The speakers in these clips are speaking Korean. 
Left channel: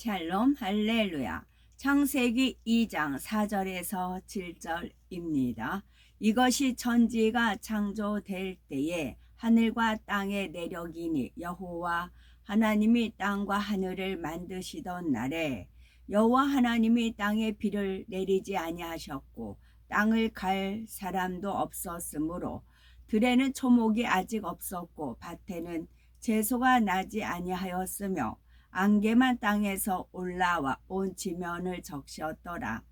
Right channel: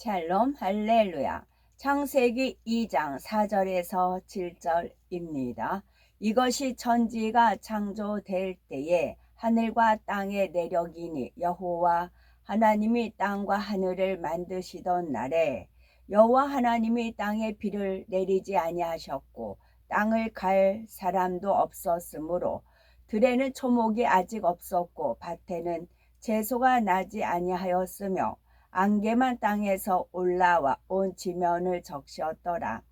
샬롬 할렐루야. 창세기 2장 4절에서 7절입니다. 이것이 천지가 창조될 때에 하늘과 땅의 내력이니 여호와 하나님이 땅과 하늘을 만드시던 날에 여호와 하나님이 땅에 비를 내리지 아니하셨고 땅을 갈 사람도 없었으므로 들에는 초목이 아직 없었고 밭에는 채소가 나지 아니하였으며 안개만 땅에서 올라와 온 지면을 적셨더라.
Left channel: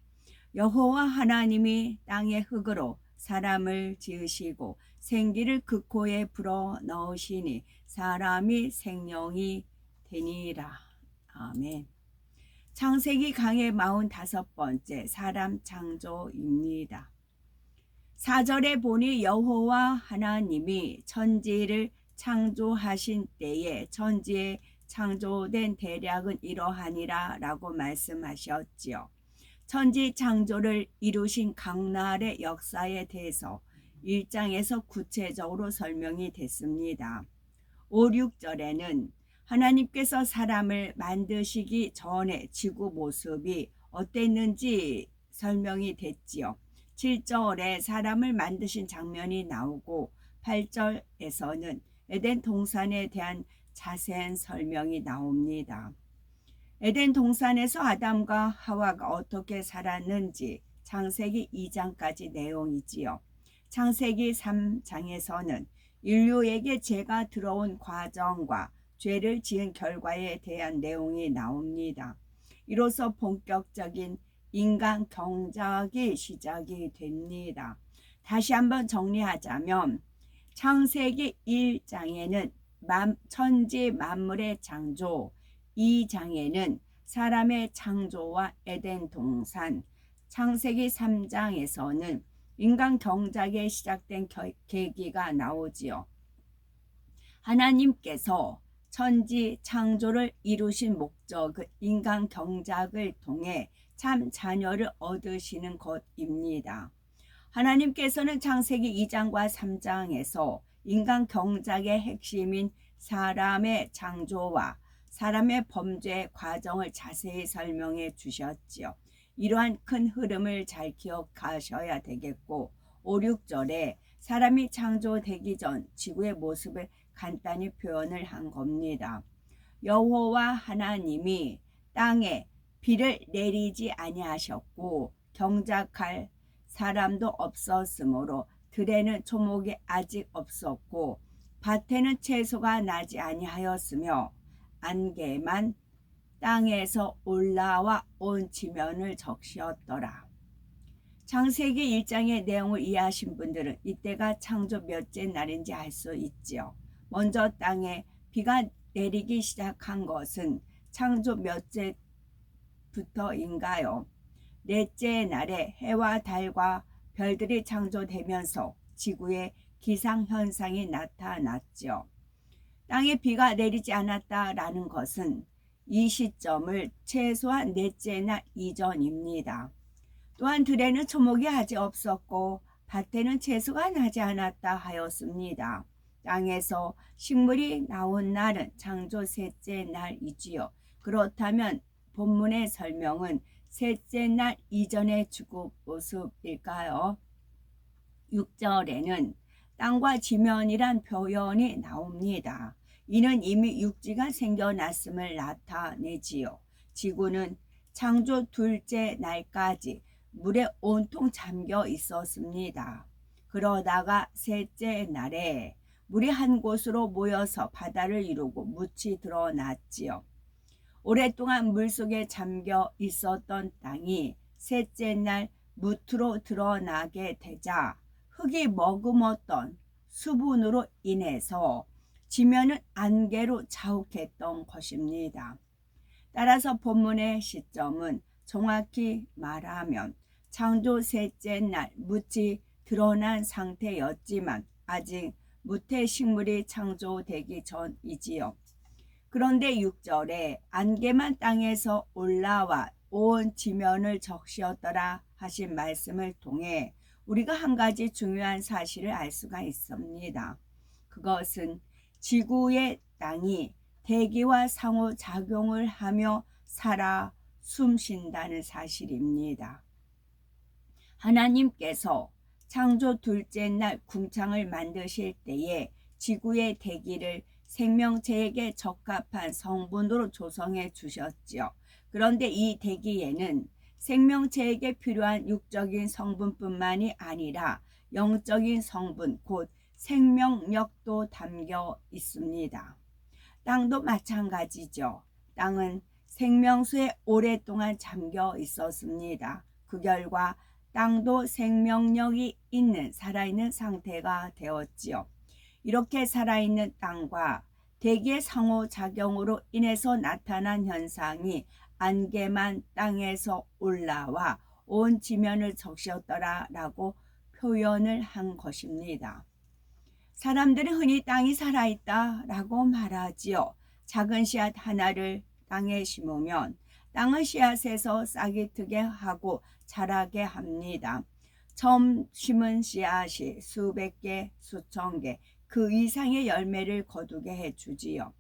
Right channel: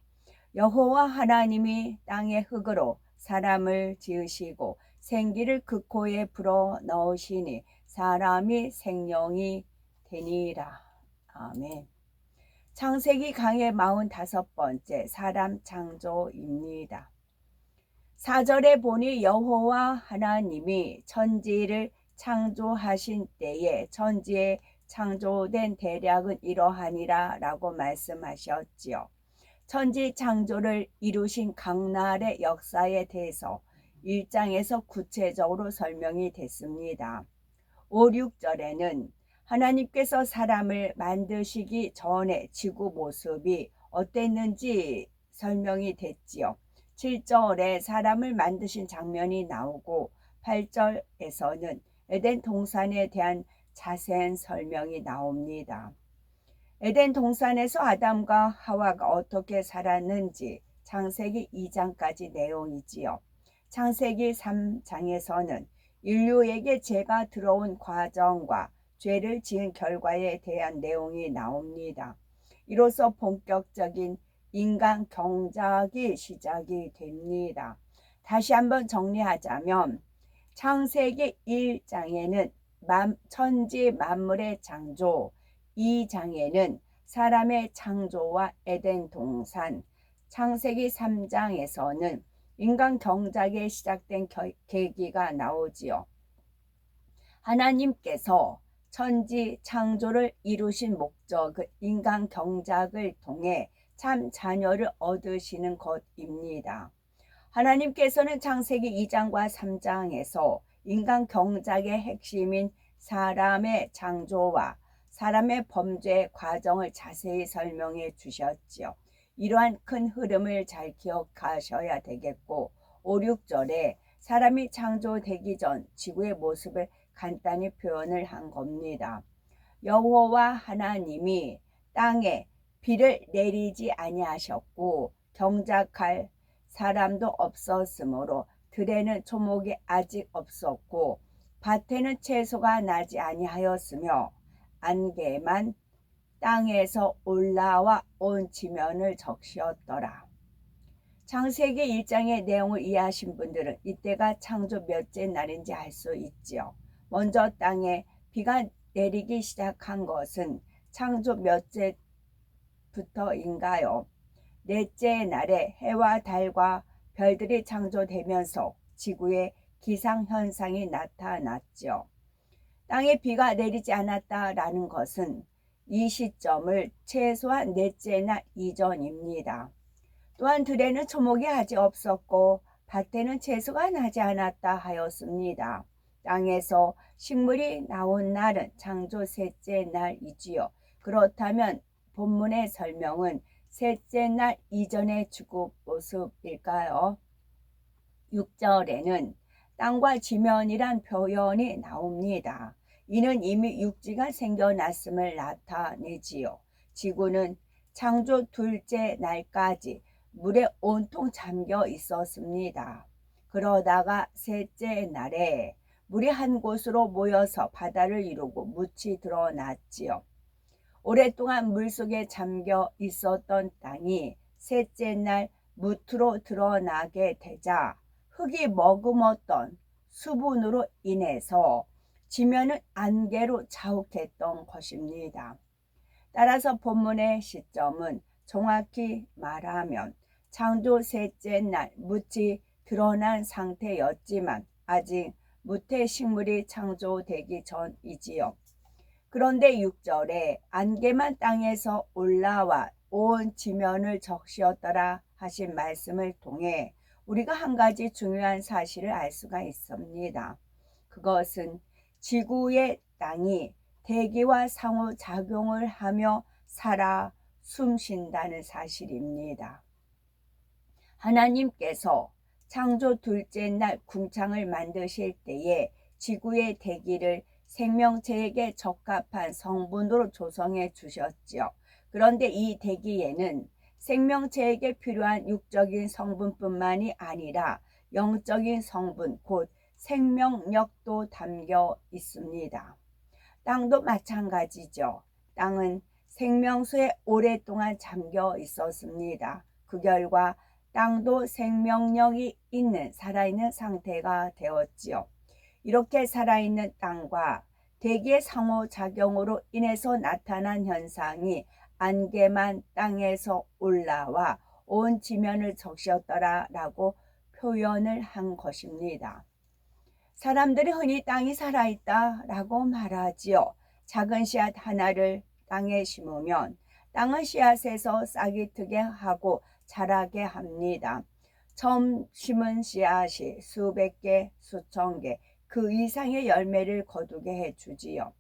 여호와 하나님이 땅의 흙으로 사람을 지으시고 생기를 그 코에 불어 넣으시니 사람이 생명이 되니라. 아멘. 창세기 강의 45번째 사람 창조입니다. 4절에 보니 여호와 하나님이 천지를 창조하신 때에 천지에 창조된 대략은 이러하니라 라고 말씀하셨지요. 천지 창조를 이루신 강날의 역사에 대해서 1장에서 구체적으로 설명이 됐습니다. 5, 6절에는 하나님께서 사람을 만드시기 전에 지구 모습이 어땠는지 설명이 됐지요. 7절에 사람을 만드신 장면이 나오고 8절에서는 에덴 동산에 대한 자세한 설명이 나옵니다. 에덴 동산에서 아담과 하와가 어떻게 살았는지 창세기 2장까지 내용이지요. 창세기 3장에서는 인류에게 죄가 들어온 과정과 죄를 지은 결과에 대한 내용이 나옵니다. 이로써 본격적인 인간 경작이 시작이 됩니다. 다시 한번 정리하자면 창세기 1장에는 천지 만물의 창조, 2장에는 사람의 창조와 에덴 동산, 창세기 3장에서는 인간 경작이 시작된 계기가 나오지요. 하나님께서 천지 창조를 이루신 목적은 인간 경작을 통해 참 자녀를 얻으시는 것입니다. 하나님께서는 창세기 2장과 3장에서 인간 경작의 핵심인 사람의 창조와 사람의 범죄 과정을 자세히 설명해 주셨지요. 이러한 큰 흐름을 잘 기억하셔야 되겠고 5, 6절에 사람이 창조되기 전 지구의 모습을 간단히 표현을 한 겁니다. 여호와 하나님이 땅에 비를 내리지 아니하셨고 경작할 사람도 없었으므로 들에는 초목이 아직 없었고 밭에는 채소가 나지 아니하였으며 안개만 땅에서 올라와 온 지면을 적시었더라. 창세기 1장의 내용을 이해하신 분들은 이때가 창조 몇째 날인지 알 수 있지요. 먼저 땅에 비가 내리기 시작한 것은 창조 몇째부터인가요? 넷째 날에 해와 달과 별들이 창조되면서 지구에 기상현상이 나타났죠. 땅에 비가 내리지 않았다라는 것은 이 시점을 최소한 넷째 날 이전입니다. 또한 들에는 초목이 아직 없었고 밭에는 채소가 나지 않았다 하였습니다. 땅에서 식물이 나온 날은 창조 셋째 날이지요. 그렇다면 본문의 설명은 셋째 날 이전의 지구 모습일까요? 6절에는 땅과 지면이란 표현이 나옵니다. 이는 이미 육지가 생겨났음을 나타내지요. 지구는 창조 둘째 날까지 물에 온통 잠겨 있었습니다. 그러다가 셋째 날에 물이 한 곳으로 모여서 바다를 이루고 묻이 드러났지요. 오랫동안 물속에 잠겨 있었던 땅이 셋째 날 무트로 드러나게 되자 흙이 머금었던 수분으로 인해서 지면은 안개로 자욱했던 것입니다. 따라서 본문의 시점은 정확히 말하면 창조 셋째 날 묻이 드러난 상태였지만 아직 무태 식물이 창조되기 전이지요. 그런데 6절에 안개만 땅에서 올라와 온 지면을 적시었더라 하신 말씀을 통해 우리가 한 가지 중요한 사실을 알 수가 있습니다. 그것은 지구의 땅이 대기와 상호작용을 하며 살아 숨쉰다는 사실입니다. 하나님께서 창조 둘째 날 궁창을 만드실 때에 지구의 대기를 생명체에게 적합한 성분으로 조성해 주셨지요. 그런데 이 대기에는 생명체에게 필요한 육적인 성분뿐만이 아니라 영적인 성분, 곧 생명력도 담겨 있습니다. 땅도 마찬가지죠. 땅은 생명수에 오랫동안 잠겨 있었습니다. 그 결과 땅도 생명력이 있는 살아있는 상태가 되었지요. 이렇게 살아있는 땅과 대기의 상호작용으로 인해서 나타난 현상이 안개만 땅에서 올라와 온 지면을 적셨더라라고 표현을 한 것입니다. 사람들이 흔히 땅이 살아있다라고 말하지요. 작은 씨앗 하나를 땅에 심으면 땅은 씨앗에서 싹이 트게 하고 자라게 합니다. 처음 심은 씨앗이 수백 개, 수천 개, 그 이상의 열매를 거두게 해주지요.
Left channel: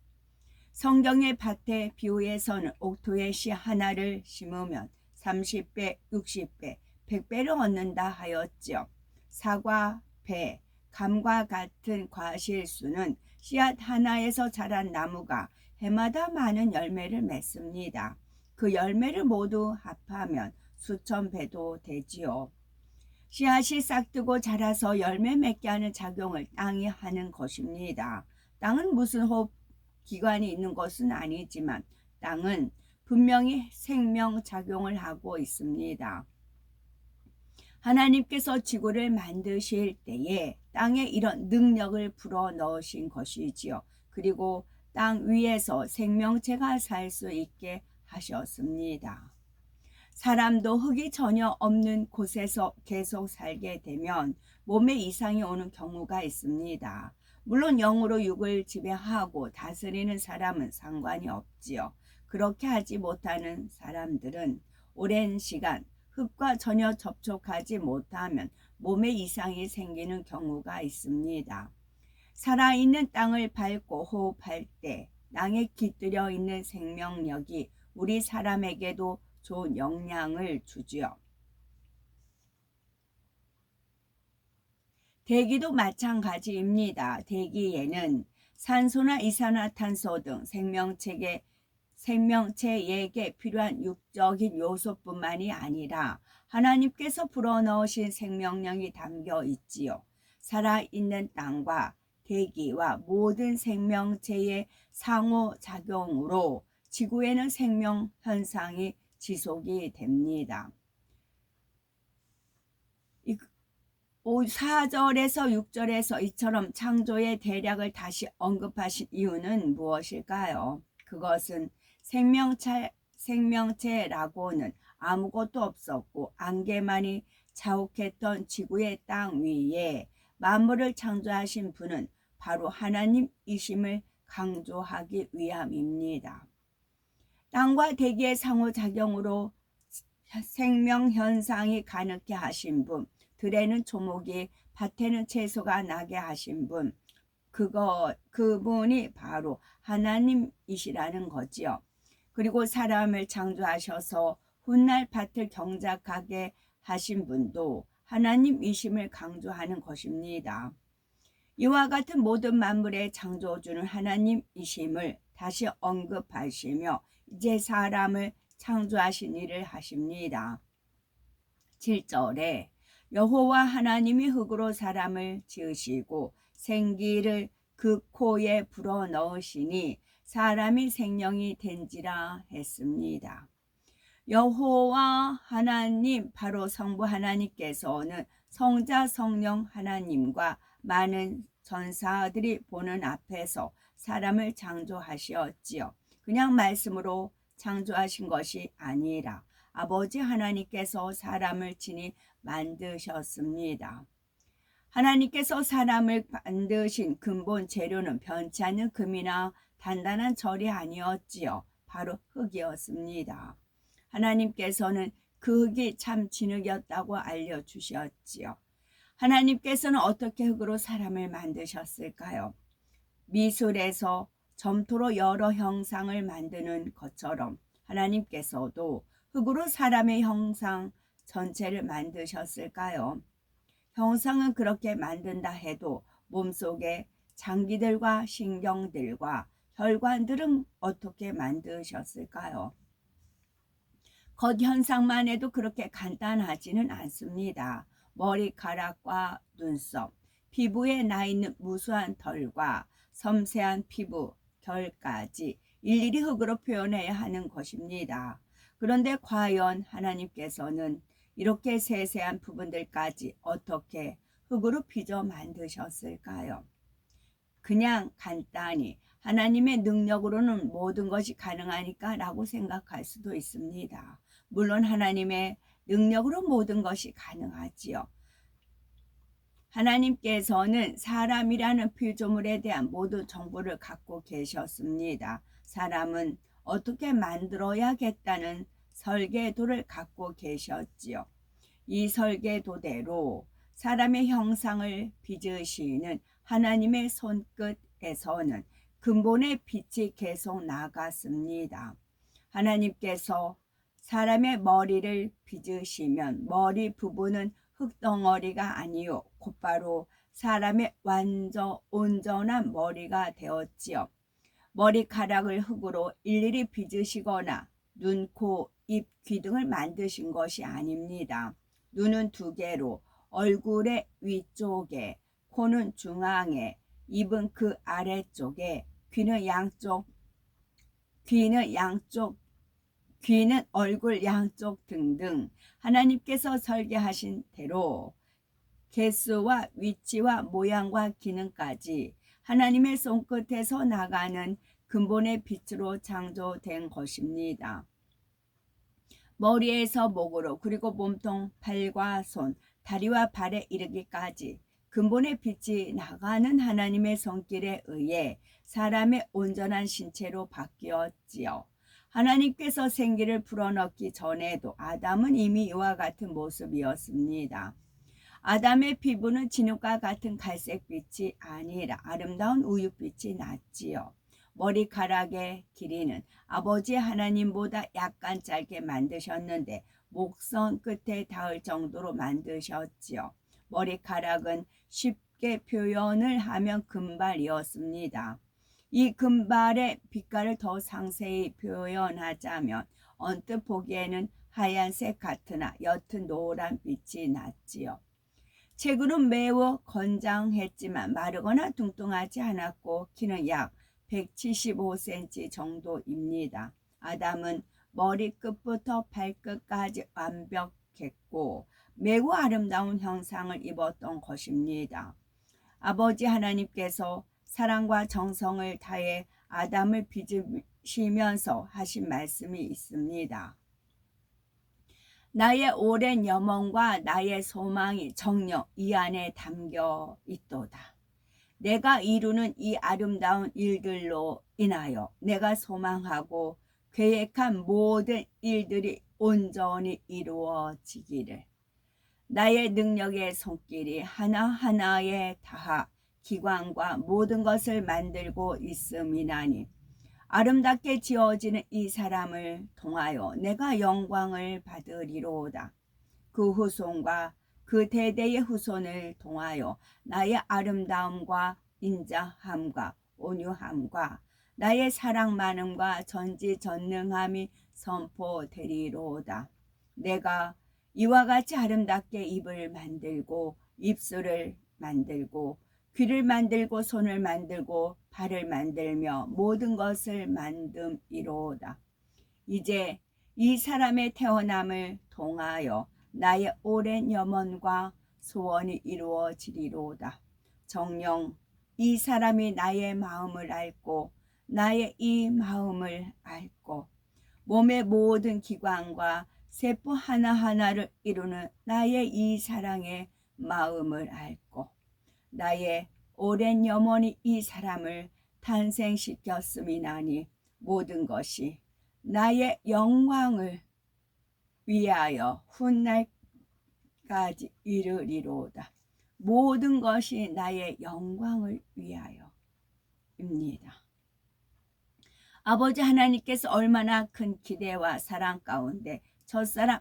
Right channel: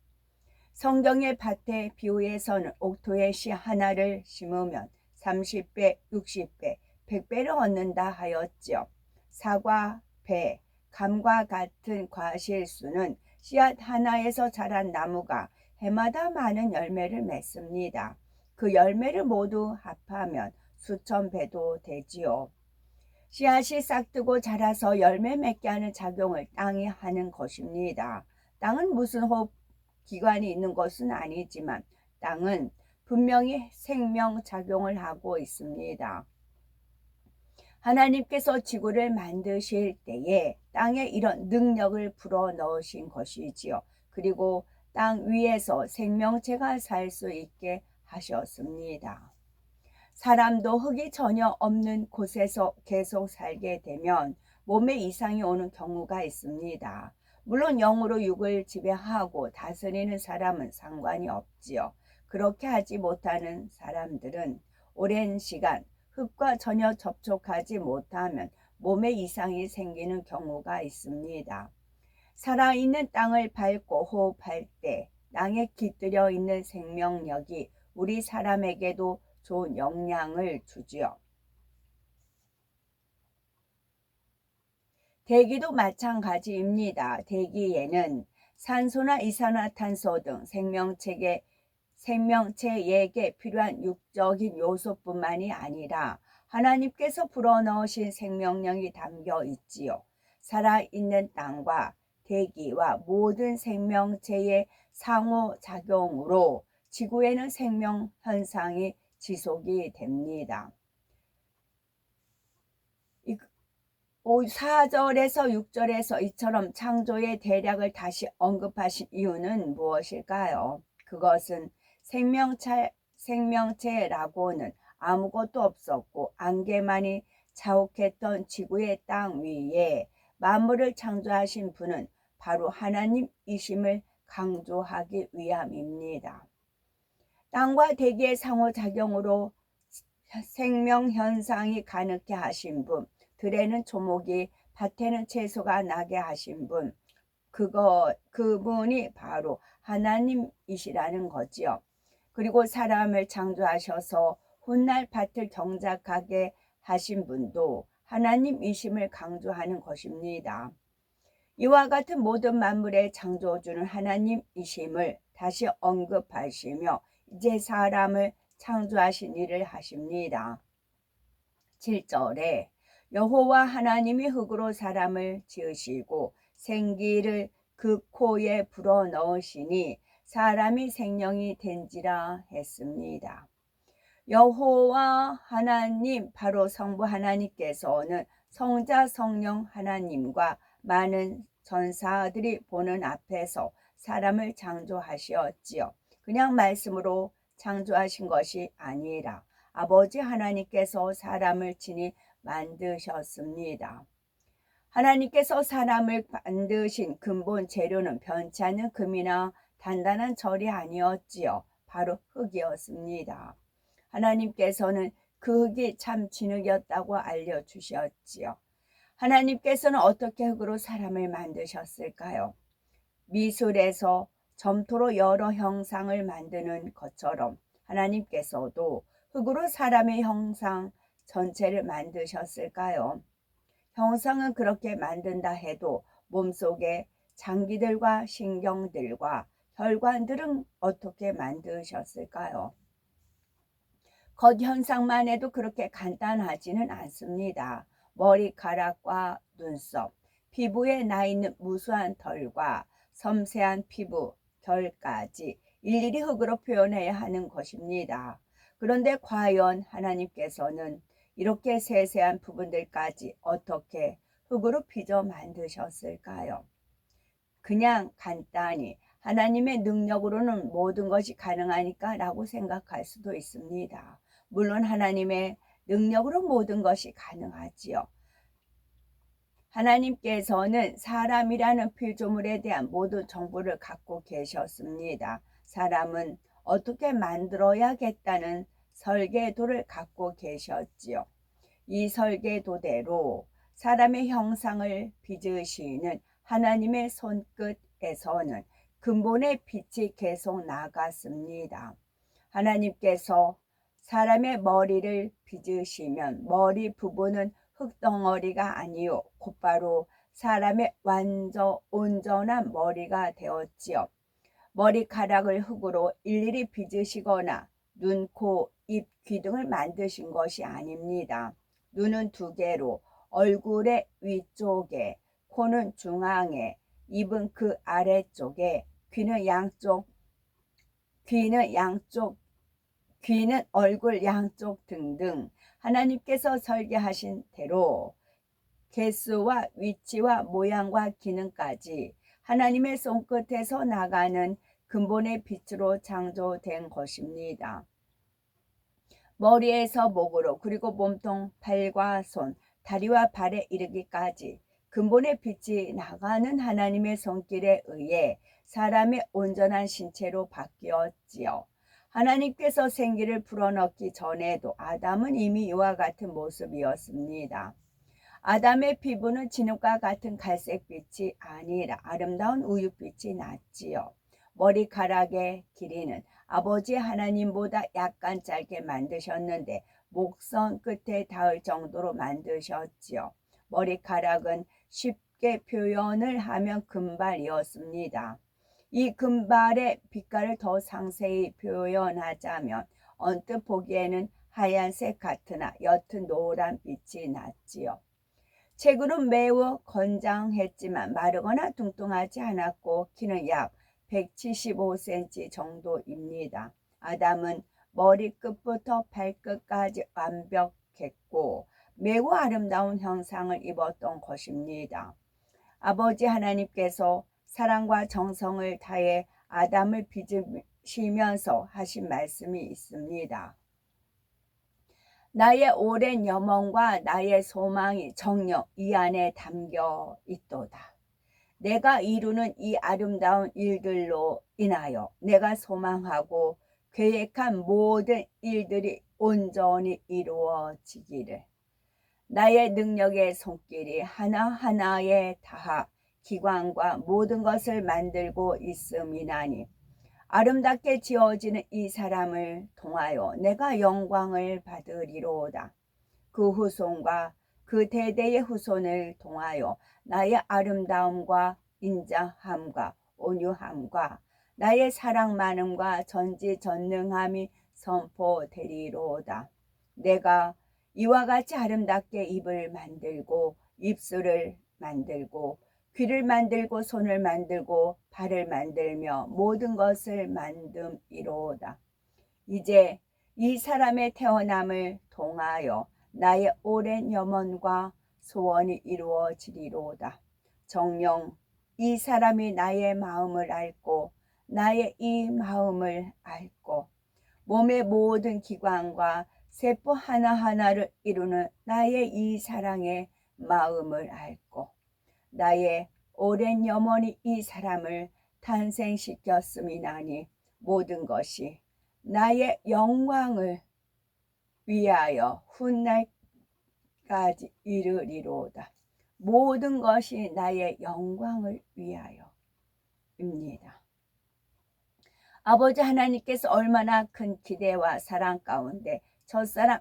성경의 밭의 비유에서는 옥토에 씨 하나를 심으면 30배, 60배, 100배를 얻는다 하였지요. 사과, 배, 감과 같은 과실수는 씨앗 하나에서 자란 나무가 해마다 많은 열매를 맺습니다. 그 열매를 모두 합하면 수천 배도 되지요. 씨앗이 싹트고 자라서 열매 맺게 하는 작용을 땅이 하는 것입니다. 땅은 무슨 호흡 기관이 있는 것은 아니지만 땅은 분명히 생명작용을 하고 있습니다. 하나님께서 지구를 만드실 때에 땅에 이런 능력을 불어넣으신 것이지요. 그리고 땅 위에서 생명체가 살 수 있게 하셨습니다. 사람도 흙이 전혀 없는 곳에서 계속 살게 되면 몸에 이상이 오는 경우가 있습니다. 물론 영으로 육을 지배하고 다스리는 사람은 상관이 없지요. 그렇게 하지 못하는 사람들은 오랜 시간 흙과 전혀 접촉하지 못하면 몸에 이상이 생기는 경우가 있습니다. 살아있는 땅을 밟고 호흡할 때 땅에 깃들여 있는 생명력이 우리 사람에게도 좋은 영향을 주지요. 대기도 마찬가지입니다. 대기에는 산소나 이산화탄소 등 생명체에게 필요한 육적인 요소뿐만이 아니라 하나님께서 불어넣으신 생명력이 담겨 있지요. 살아있는 땅과 대기와 모든 생명체의 상호작용으로 지구에는 생명 현상이 지속이 됩니다. 4절에서 6절에서 이처럼 창조의 대략을 다시 언급하신 이유는 무엇일까요? 그것은 생명체라고는 아무것도 없었고 안개만이 자욱했던 지구의 땅 위에 만물을 창조하신 분은 바로 하나님이심을 강조하기 위함입니다. 땅과 대기의 상호작용으로 생명현상이 가능케 하신 분, 들에는 초목이 밭에는 채소가 나게 하신 분, 그분이 바로 하나님이시라는 거지요. 그리고 사람을 창조하셔서 훗날 밭을 경작하게 하신 분도 하나님이심을 강조하는 것입니다. 이와 같은 모든 만물의 창조주는 하나님이심을 다시 언급하시며 이제 사람을 창조하신 일을 하십니다. 7절에 여호와 하나님이 흙으로 사람을 지으시고 생기를 그 코에 불어넣으시니 사람이 생명이 된지라 했습니다. 여호와 하나님, 바로 성부 하나님께서는 성자 성령 하나님과 많은 전사들이 보는 앞에서 사람을 창조하시었지요. 그냥 말씀으로 창조하신 것이 아니라 아버지 하나님께서 사람을 친히 만드셨습니다. 하나님께서 사람을 만드신 근본 재료는 변치 않는 금이나 단단한 철이 아니었지요. 바로 흙이었습니다. 하나님께서는 그 흙이 참 진흙이었다고 알려주셨지요. 하나님께서는 어떻게 흙으로 사람을 만드셨을까요? 미술에서 점토로 여러 형상을 만드는 것처럼 하나님께서도 흙으로 사람의 형상 전체를 만드셨을까요? 형상은 그렇게 만든다 해도 몸속에 장기들과 신경들과 혈관들은 어떻게 만드셨을까요? 겉현상만 해도 그렇게 간단하지는 않습니다. 머리카락과 눈썹, 피부에 나 있는 무수한 털과 섬세한 피부, 결까지 일일이 흙으로 표현해야 하는 것입니다. 그런데 과연 하나님께서는 이렇게 세세한 부분들까지 어떻게 흙으로 빚어 만드셨을까요? 그냥 간단히 하나님의 능력으로는 모든 것이 가능하니까 라고 생각할 수도 있습니다. 물론 하나님의 능력으로 모든 것이 가능하지요. 하나님께서는 사람이라는 피조물에 대한 모든 정보를 갖고 계셨습니다. 사람은 어떻게 만들어야겠다는 설계도를 갖고 계셨지요. 이 설계도대로 사람의 형상을 빚으시는 하나님의 손끝에서는 근본의 빛이 계속 나갔습니다. 하나님께서 사람의 머리를 빚으시면 머리 부분은 흙덩어리가 아니요 곧바로 사람의 온전한 머리가 되었지요. 머리카락을 흙으로 일일이 빚으시거나 눈, 코, 입, 귀 등을 만드신 것이 아닙니다. 눈은 두 개로 얼굴의 위쪽에, 코는 중앙에, 입은 그 아래쪽에, 귀는 얼굴 양쪽 등등 하나님께서 설계하신 대로 개수와 위치와 모양과 기능까지 하나님의 손끝에서 나가는 근본의 빛으로 창조된 것입니다. 머리에서 목으로 그리고 몸통, 팔과 손, 다리와 발에 이르기까지 근본의 빛이 나가는 하나님의 손길에 의해 사람의 온전한 신체로 바뀌었지요. 하나님께서 생기를 불어넣기 전에도 아담은 이미 이와 같은 모습이었습니다. 아담의 피부는 진흙과 같은 갈색빛이 아니라 아름다운 우윳빛이 났지요. 머리카락의 길이는 아버지 하나님보다 약간 짧게 만드셨는데 목선 끝에 닿을 정도로 만드셨지요. 머리카락은 쉽게 표현을 하면 금발이었습니다. 이 금발의 빛깔을 더 상세히 표현하자면 언뜻 보기에는 하얀색 같으나 옅은 노란 빛이 났지요. 체구는 매우 건장했지만 마르거나 뚱뚱하지 않았고 키는 약 175cm 정도입니다. 아담은 머리끝부터 발끝까지 완벽했고 매우 아름다운 형상을 입었던 것입니다. 아버지 하나님께서 사랑과 정성을 다해 아담을 빚으시면서 하신 말씀이 있습니다. 나의 오랜 염원과 나의 소망이 정녕 이 안에 담겨 있도다. 내가 이루는 이 아름다운 일들로 인하여 내가 소망하고 계획한 모든 일들이 온전히 이루어지기를. 나의 능력의 손길이 하나하나에 닿아 기관과 모든 것을 만들고 있음이나니 아름답게 지어지는 이 사람을 통하여 내가 영광을 받으리로다. 그 후손과 그 대대의 후손을 통하여 나의 아름다움과 인자함과 온유함과 나의 사랑 많음과 전지전능함이 선포되리로다. 내가 이와 같이 아름답게 입을 만들고 입술을 만들고 귀를 만들고 손을 만들고 발을 만들며 모든 것을 만듦이로다. 이제 이 사람의 태어남을 통하여 나의 오랜 염원과 소원이 이루어지리로다. 정녕 이 사람이 나의 마음을 앓고 나의 이 마음을 앓고 몸의 모든 기관과 세포 하나하나를 이루는 나의 이 사랑의 마음을 앓고 나의 오랜 염원이 이 사람을 탄생시켰음이나니 모든 것이 나의 영광을 위하여 훗날까지 이르리로다. 모든 것이 나의 영광을 위하여입니다. 아버지 하나님께서 얼마나 큰 기대와 사랑 가운데 첫사람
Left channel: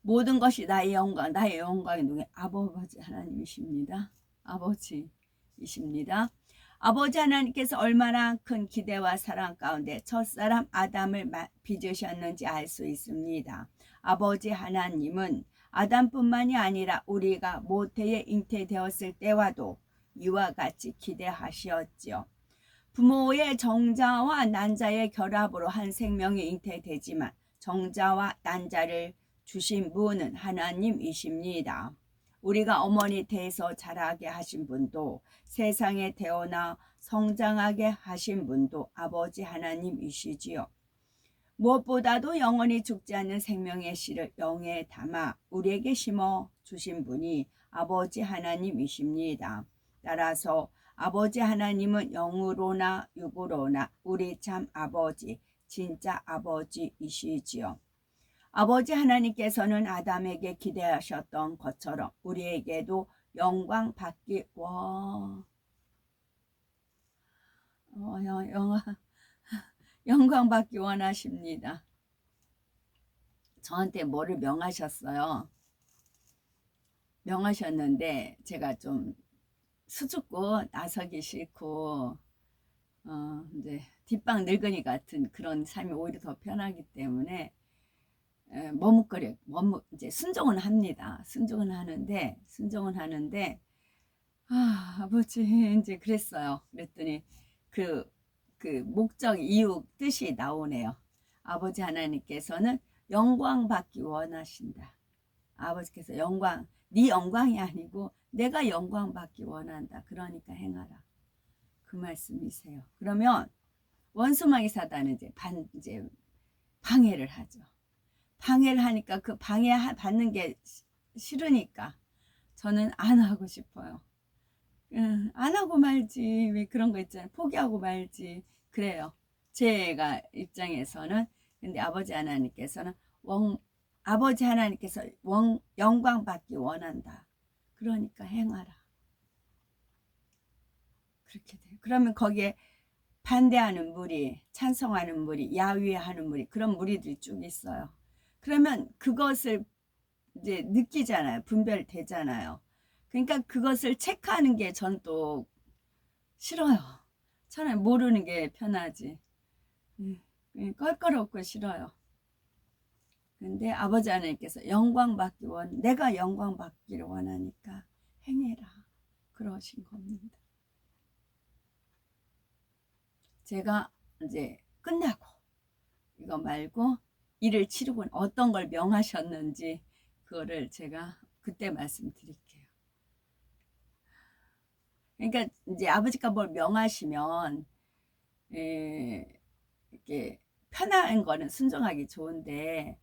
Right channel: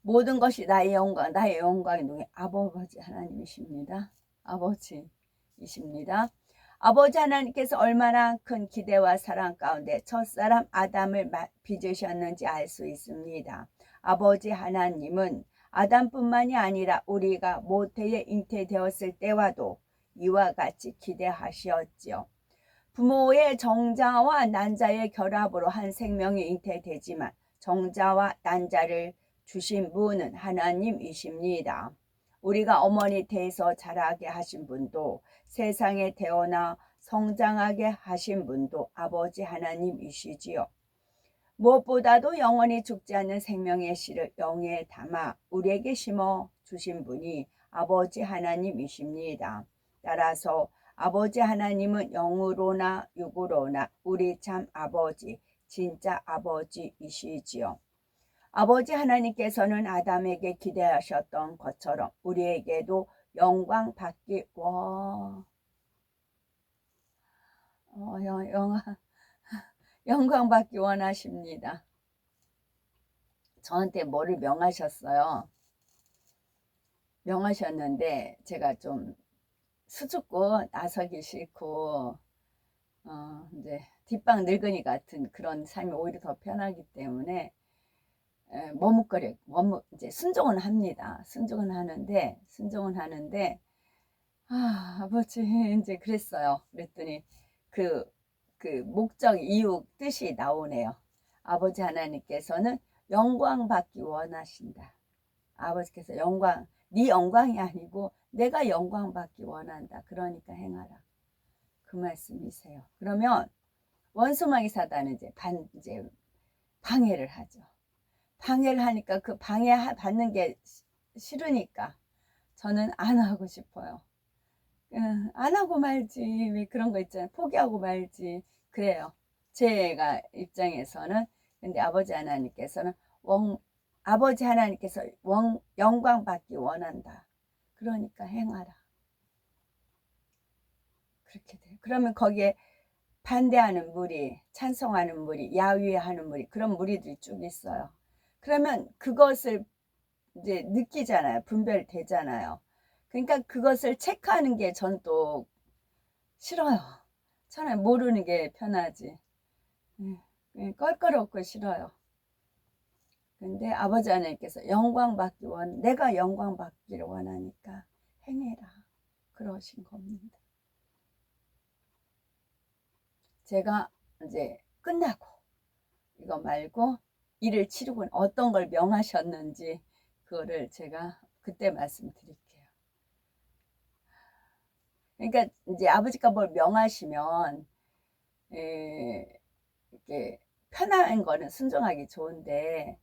모든 것이 나의 영광이 누구냐? 아버지 하나님이십니다. 아버지이십니다. 아버지 하나님께서 얼마나 큰 기대와 사랑 가운데 첫사람 아담을 빚으셨는지 알 수 있습니다. 아버지 하나님은 아담뿐만이 아니라 우리가 모태에 잉태되었을 때와도 이와 같이 기대하시었지요. 부모의 정자와 난자의 결합으로 한 생명이 잉태되지만 정자와 난자를 주신 분은 하나님이십니다. 우리가 어머니 태에서 자라게 하신 분도 세상에 태어나 성장하게 하신 분도 아버지 하나님이시지요. 무엇보다도 영원히 죽지 않는 생명의 씨를 영에 담아 우리에게 심어 주신 분이 아버지 하나님이십니다. 따라서 아버지 하나님은 영으로나 육으로나 우리 참 아버지, 진짜 아버지이시지요. 아버지 하나님께서는 아담에게 기대하셨던 것처럼 우리에게도 영광 받기 영광 받기 원하십니다. 저한테 뭐를 명하셨어요. 명하셨는데 제가 좀 수줍고 나서기 싫고 이제 뒷방 늙은이 같은 그런 삶이 오히려 더 편하기 때문에 이제 순종은 합니다. 순종은 하는데 아버지 이제 그랬어요. 그랬더니 그 목적 이유 뜻이 나오네요. 아버지 하나님께서는 영광 받기 원하신다. 아버지께서 네 영광이 아니고 내가 영광 받기 원한다. 그러니까 행하라. 그 말씀이세요. 그러면 원수마귀 사단은 이제 방해를 하죠. 방해를 하니까 그 받는 게 싫으니까 저는 안 하고 싶어요. 안 하고 말지. 왜 그런 거 있잖아요. 포기하고 말지. 그래요. 제가 입장에서는. 근데 아버지 하나님께서 영광 받기 원한다. 그러니까 행하라. 그렇게 돼요. 그러면 거기에 반대하는 무리, 찬성하는 무리, 야위하는 무리, 그런 무리들이 쭉 있어요. 그러면 그것을 이제 느끼잖아요. 분별되잖아요. 그러니까 그것을 체크하는 게 전 또 싫어요. 차라리 모르는 게 편하지. 껄끄럽고 싫어요. 근데 아버지 하나님께서 내가 영광 받기를 원하니까 행해라. 그러신 겁니다. 제가 이제 끝나고 이거 말고 일을 치르고 어떤 걸 명하셨는지 그거를 제가 그때 말씀드릴게요. 그러니까 이제 아버지가 뭘 명하시면 이렇게 편한 거는 순종하기 좋은데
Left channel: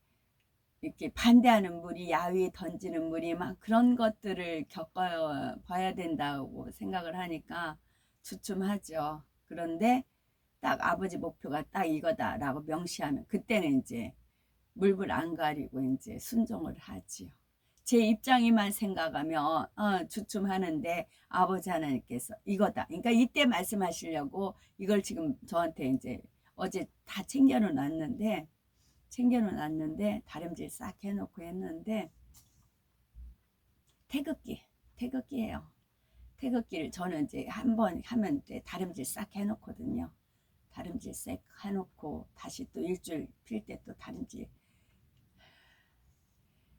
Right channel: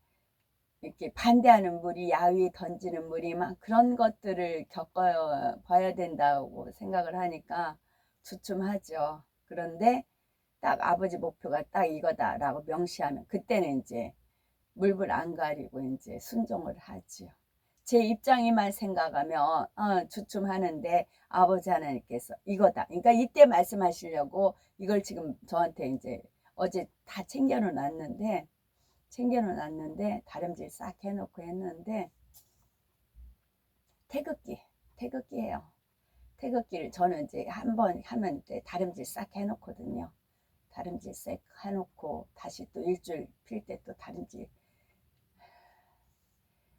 이렇게 반대하는 무리, 야위 던지는 무리 막 그런 것들을 겪어봐야 된다고 생각을 하니까 주춤하죠. 그런데 딱 아버지 목표가 딱 이거다라고 명시하면 그때는 이제 물불 안 가리고 이제 순종을 하지요. 제 입장에만 생각하면 주춤하는데 아버지 하나님께서 이거다. 그러니까 이때 말씀하시려고 이걸 지금 저한테 이제 어제 다 챙겨놓았는데 다림질 싹 해놓고 했는데 태극기예요. 태극기를 저는 이제 한번 하면 다림질 싹 해놓거든요. 다림질 싹 해놓고 다시 또 일주일 필 때 또 다림질.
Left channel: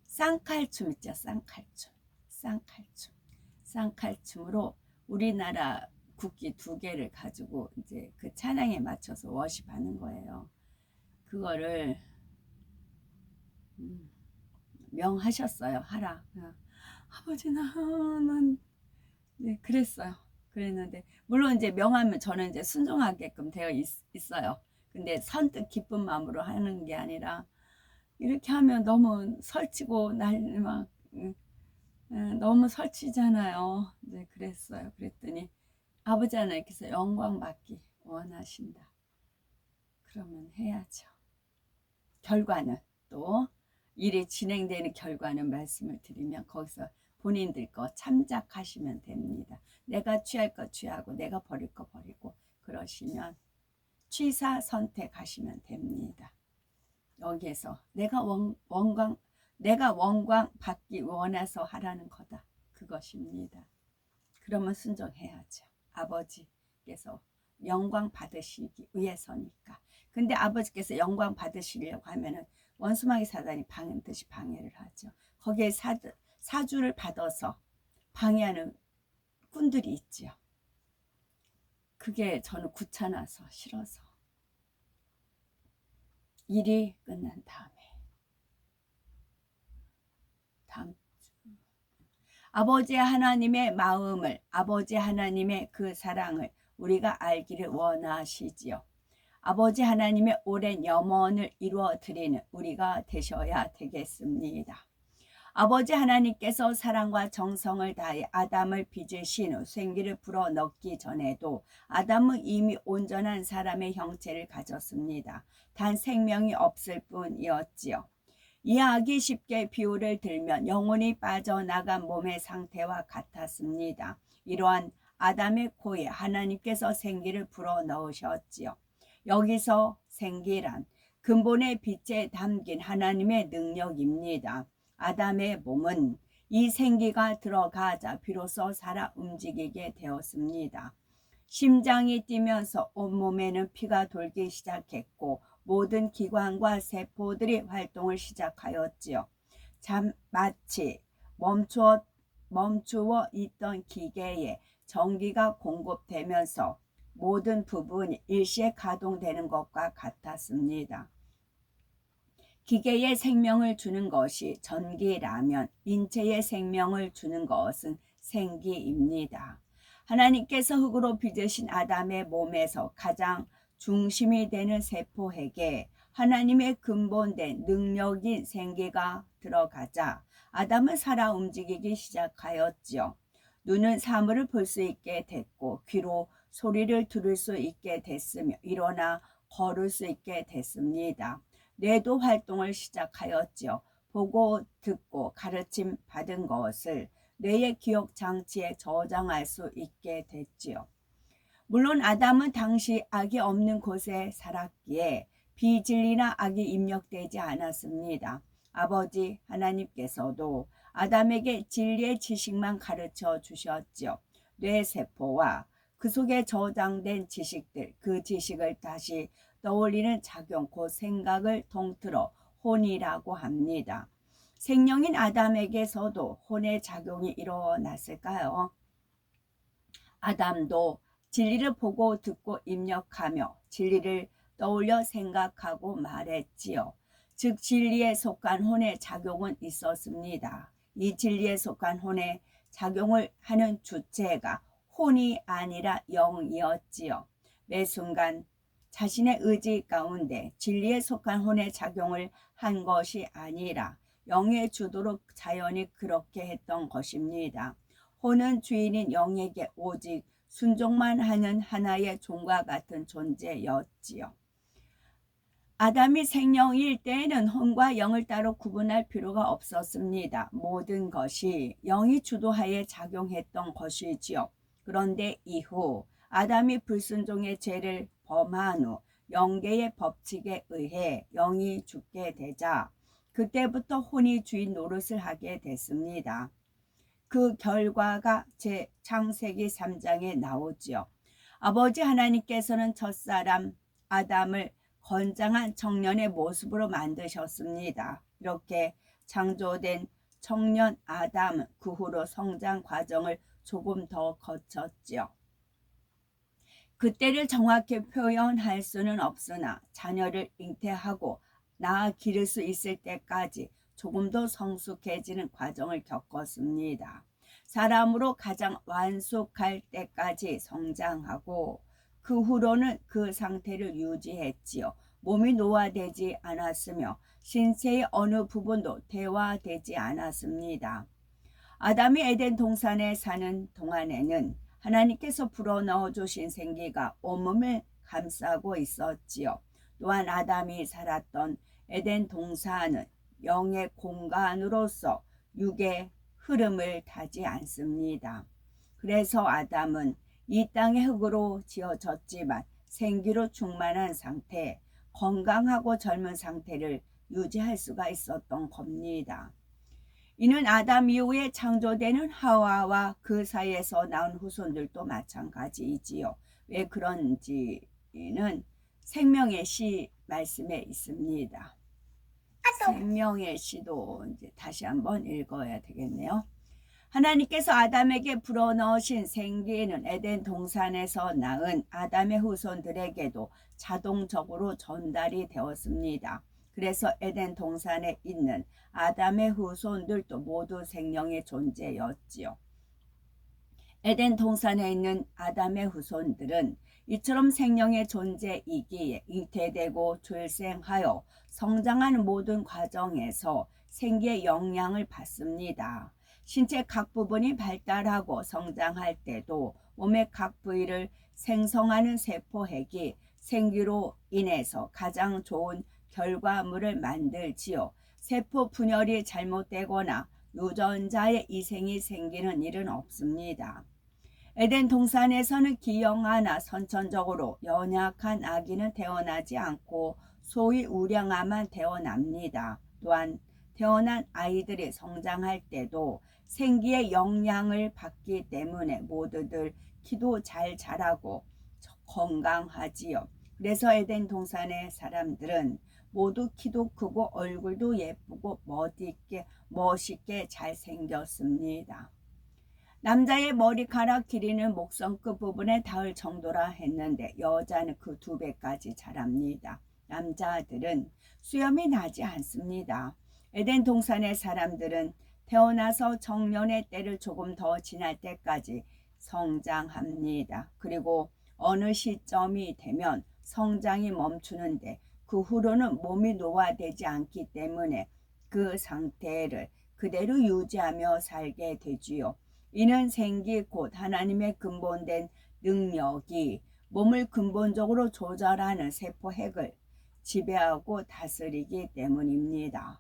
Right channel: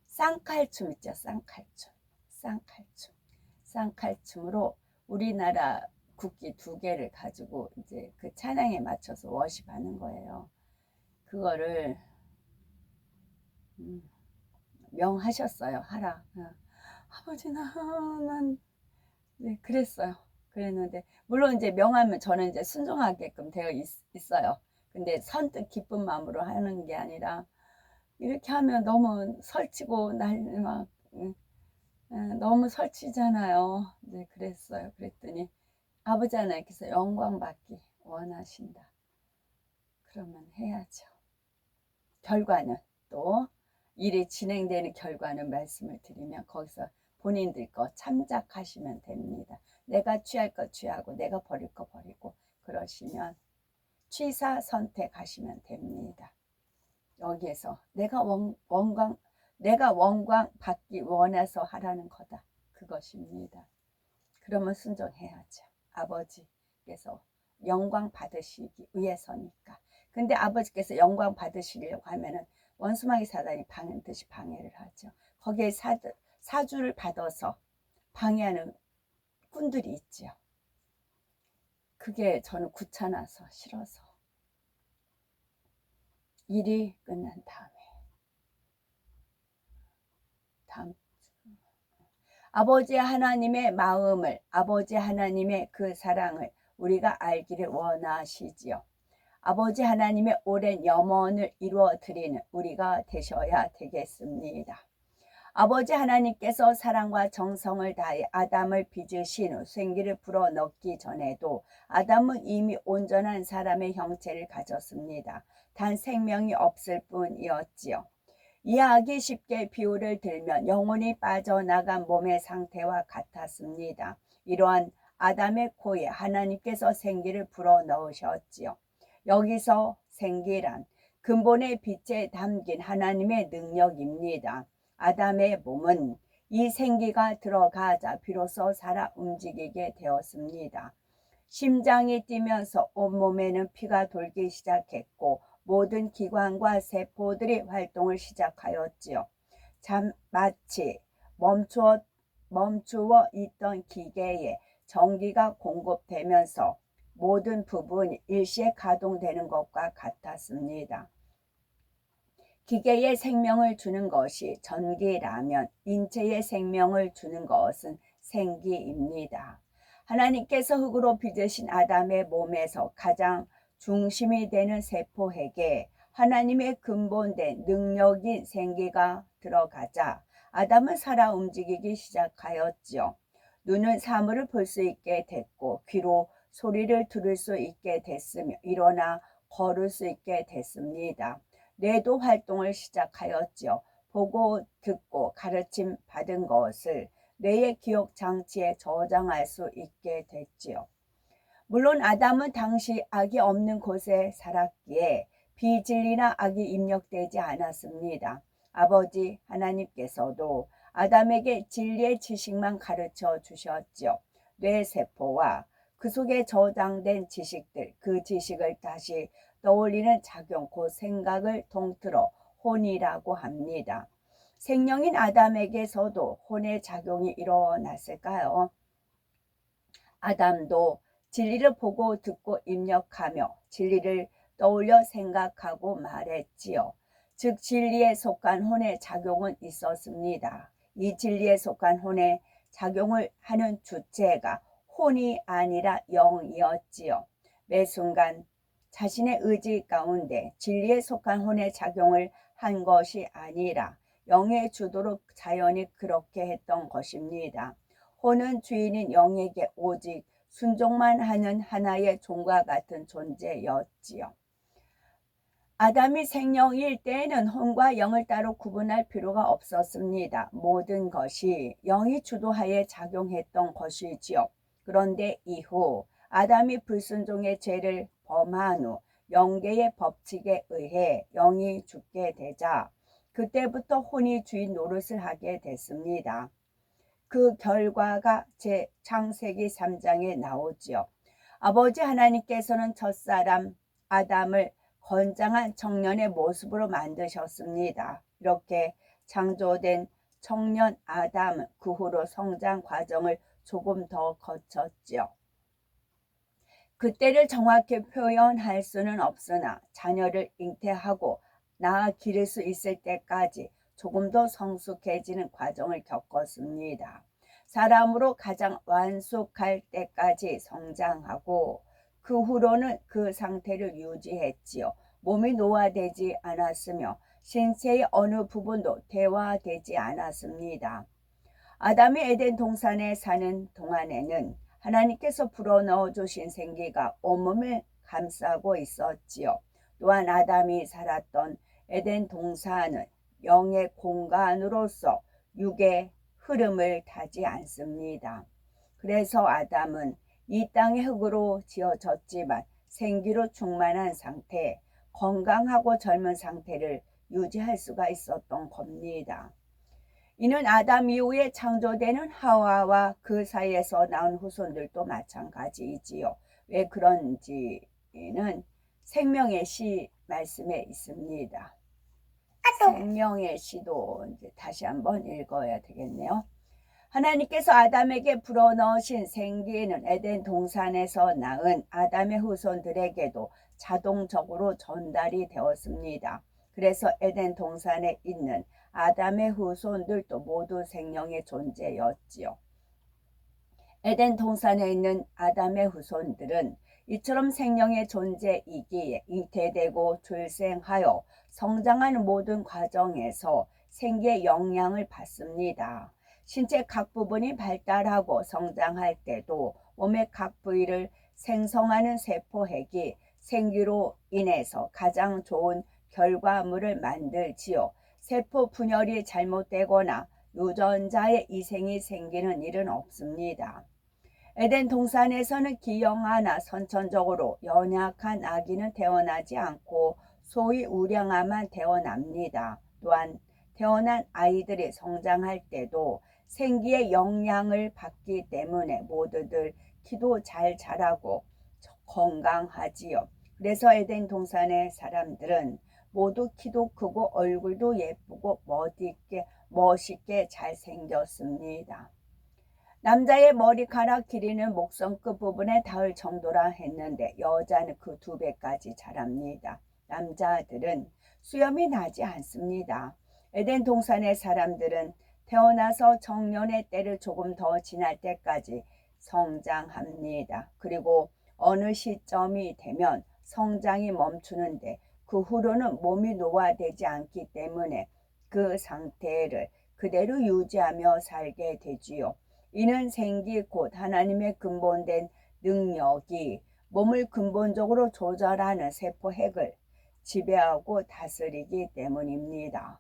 쌍칼춤 있죠. 쌍칼춤으로 우리나라 국기 2개를 가지고 이제 그 찬양에 맞춰서 워십하는 거예요. 그거를 명하셨어요. 하라. 아버지 난 네, 그랬어요. 그랬는데 물론 이제 명하면 저는 이제 순종하게끔 되어 있어요. 근데 선뜻 기쁜 마음으로 하는 게 아니라 이렇게 하면 너무 설치고 막 너무 설치잖아요. 네, 그랬어요. 그랬더니 아버지 하나님께서 영광 받기 원하신다. 그러면 해야죠. 결과는 또 일이 진행되는 결과는 말씀을 드리면 거기서 본인들 거 참작하시면 됩니다. 내가 취할 거 취하고 내가 버릴 거 버리고 그러시면 취사 선택하시면 됩니다. 여기에서 내가 원광 받기 원해서 하라는 거다. 그것입니다. 그러면 순종해야죠. 아버지께서 영광 받으시기 위해서니까. 근데 아버지께서 영광 받으시려고 하면은 원수마귀 사단이 반드시 방해를 하죠. 거기에 사주를 받아서 방해하는 꾼들이 있죠. 그게 저는 귀찮아서 싫어서 일이 끝난 다음에 다음 주 아버지 하나님의 마음을, 아버지 하나님의 그 사랑을 우리가 알기를 원하시지요. 아버지 하나님의 오랜 염원을 이루어 드리는 우리가 되셔야 되겠습니다. 아버지 하나님께서 사랑과 정성을 다해 아담을 빚으신 후 생기를 불어넣기 전에도 아담은 이미 온전한 사람의 형체를 가졌습니다. 단 생명이 없을 뿐이었지요. 이해하기 쉽게 비유를 들면 영혼이 빠져나간 몸의 상태와 같았습니다. 이러한 아담의 코에 하나님께서 생기를 불어넣으셨지요. 여기서 생기란 근본의 빛에 담긴 하나님의 능력입니다. 아담의 몸은 이 생기가 들어가자 비로소 살아 움직이게 되었습니다. 심장이 뛰면서 온몸에는 피가 돌기 시작했고 모든 기관과 세포들이 활동을 시작하였지요. 마치 멈추어 있던 기계에 전기가 공급되면서 모든 부분이 일시에 가동되는 것과 같았습니다. 기계에 생명을 주는 것이 전기라면 인체에 생명을 주는 것은 생기입니다. 하나님께서 흙으로 빚으신 아담의 몸에서 가장 중심이 되는 세포에게 하나님의 근본된 능력인 생기가 들어가자 아담은 살아 움직이기 시작하였지요. 눈은 사물을 볼 수 있게 됐고 귀로 소리를 들을 수 있게 됐으며 일어나 걸을 수 있게 됐습니다. 뇌도 활동을 시작하였지요. 보고 듣고 가르침 받은 것을 뇌의 기억 장치에 저장할 수 있게 됐지요. 물론 아담은 당시 악이 없는 곳에 살았기에 비진리나 악이 입력되지 않았습니다. 아버지 하나님께서도 아담에게 진리의 지식만 가르쳐 주셨지요. 뇌세포와 그 속에 저장된 지식들, 그 지식을 다시 떠올리는 작용, 그 생각을 통틀어 혼이라고 합니다. 생명인 아담에게서도 혼의 작용이 일어났을까요? 아담도 진리를 보고 듣고 입력하며 진리를 떠올려 생각하고 말했지요. 즉 진리에 속한 혼의 작용은 있었습니다. 이 진리에 속한 혼의 작용을 하는 주체가 혼이 아니라 영이었지요. 매 순간 자신의 의지 가운데 진리에 속한 혼의 작용을 한 것이 아니라 영의 주도로 자연히 그렇게 했던 것입니다. 혼은 주인인 영에게 오직 순종만 하는 하나의 종과 같은 존재였지요. 아담이 생명일 때에는 혼과 영을 따로 구분할 필요가 없었습니다. 모든 것이 영이 주도하에 작용했던 것이지요. 그런데 이후 아담이 불순종의 죄를 범한 후 영계의 법칙에 의해 영이 죽게 되자 그때부터 혼이 주인 노릇을 하게 됐습니다. 그 결과가 제 창세기 3장에 나오지요. 아버지 하나님께서는 첫사람 아담을 건장한 청년의 모습으로 만드셨습니다. 이렇게 창조된 청년 아담은 그 후로 성장 과정을 조금 더 거쳤지요. 그때를 정확히 표현할 수는 없으나 자녀를 잉태하고 낳아 기를 수 있을 때까지 조금 더 성숙해지는 과정을 겪었습니다. 사람으로 가장 완숙할 때까지 성장하고 그 후로는 그 상태를 유지했지요. 몸이 노화되지 않았으며 신체의 어느 부분도 퇴화되지 않았습니다. 아담이 에덴 동산에 사는 동안에는 하나님께서 불어넣어 주신 생기가 온몸을 감싸고 있었지요. 또한 아담이 살았던 에덴 동산은 영의 공간으로서 육의 흐름을 타지 않습니다. 그래서 아담은 이 땅의 흙으로 지어졌지만 생기로 충만한 상태, 건강하고 젊은 상태를 유지할 수가 있었던 겁니다. 이는 아담 이후에 창조되는 하와와 그 사이에서 나온 후손들도 마찬가지이지요. 왜 그런지는 생명의 시 말씀에 있습니다. 생명의 시도 이제 다시 한번 읽어야 되겠네요. 하나님께서 아담에게 불어넣으신 생기는 에덴 동산에서 낳은 아담의 후손들에게도 자동적으로 전달이 되었습니다. 그래서 에덴 동산에 있는 아담의 후손들도 모두 생명의 존재였지요. 에덴 동산에 있는 아담의 후손들은 이처럼 생명의 존재이기에 잉태되고 출생하여 성장하는 모든 과정에서 생기의 영향을 받습니다. 신체 각 부분이 발달하고 성장할 때도 몸의 각 부위를 생성하는 세포핵이 생기로 인해서 가장 좋은 결과물을 만들지요. 세포 분열이 잘못되거나 유전자의 이생이 생기는 일은 없습니다. 에덴 동산에서는 기형아나 선천적으로 연약한 아기는 태어나지 않고 소위 우량아만 태어납니다. 또한 태어난 아이들이 성장할 때도 생기의 영향을 받기 때문에 모두들 키도 잘 자라고 건강하지요. 그래서 에덴 동산의 사람들은 모두 키도 크고 얼굴도 예쁘고 멋있게 잘생겼습니다. 남자의 머리카락 길이는 목선 끝 부분에 닿을 정도라 했는데 여자는 그 2배까지 자랍니다. 남자들은 수염이 나지 않습니다. 에덴 동산의 사람들은 태어나서 정년의 때를 조금 더 지날 때까지 성장합니다. 그리고 어느 시점이 되면 성장이 멈추는데 그 후로는 몸이 노화되지 않기 때문에 그 상태를 그대로 유지하며 살게 되지요. 이는 생기 곧 하나님의 근본된 능력이 몸을 근본적으로 조절하는 세포핵을 지배하고 다스리기 때문입니다.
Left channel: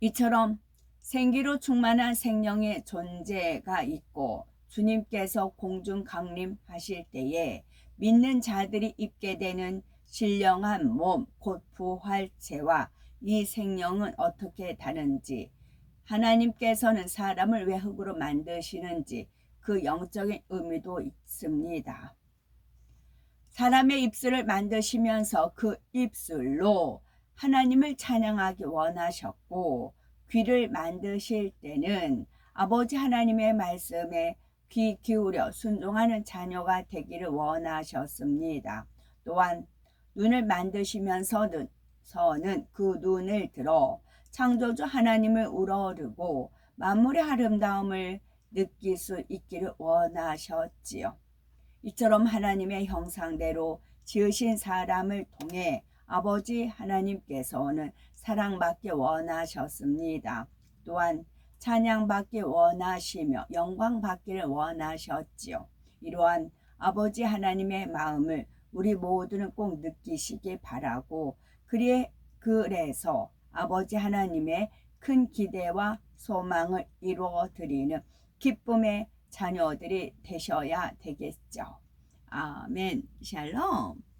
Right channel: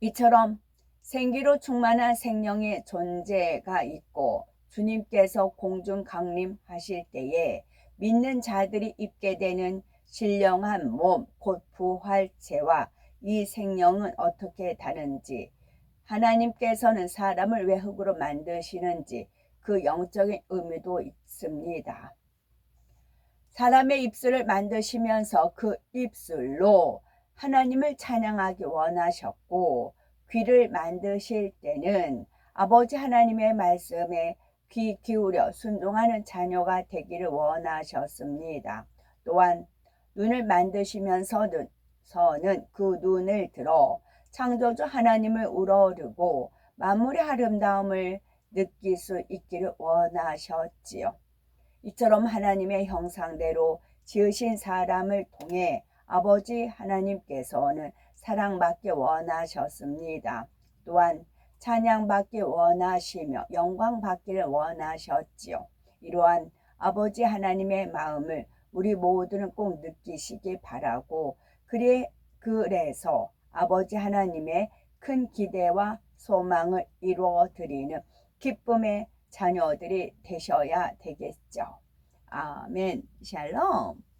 이처럼 생기로 충만한 생명의 존재가 있고 주님께서 공중 강림하실 때에 믿는 자들이 입게 되는 신령한 몸, 곧 부활체와 이 생명은 어떻게 다른지, 하나님께서는 사람을 왜 흙으로 만드시는지 그 영적인 의미도 있습니다. 사람의 입술을 만드시면서 그 입술로 하나님을 찬양하기 원하셨고, 귀를 만드실 때는 아버지 하나님의 말씀에 귀 기울여 순종하는 자녀가 되기를 원하셨습니다. 또한 눈을 만드시면서는 그 눈을 들어 창조주 하나님을 우러르고 만물의 아름다움을 느낄 수 있기를 원하셨지요. 이처럼 하나님의 형상대로 지으신 사람을 통해 아버지 하나님께서는 사랑받기 원하셨습니다. 또한 찬양받기 원하시며 영광받기를 원하셨지요. 이러한 아버지 하나님의 마음을 우리 모두는 꼭 느끼시기 바라고, 그래서 아버지 하나님의 큰 기대와 소망을 이루어 드리는 기쁨의 자녀들이 되셔야 되겠죠. 아멘. 샬롬.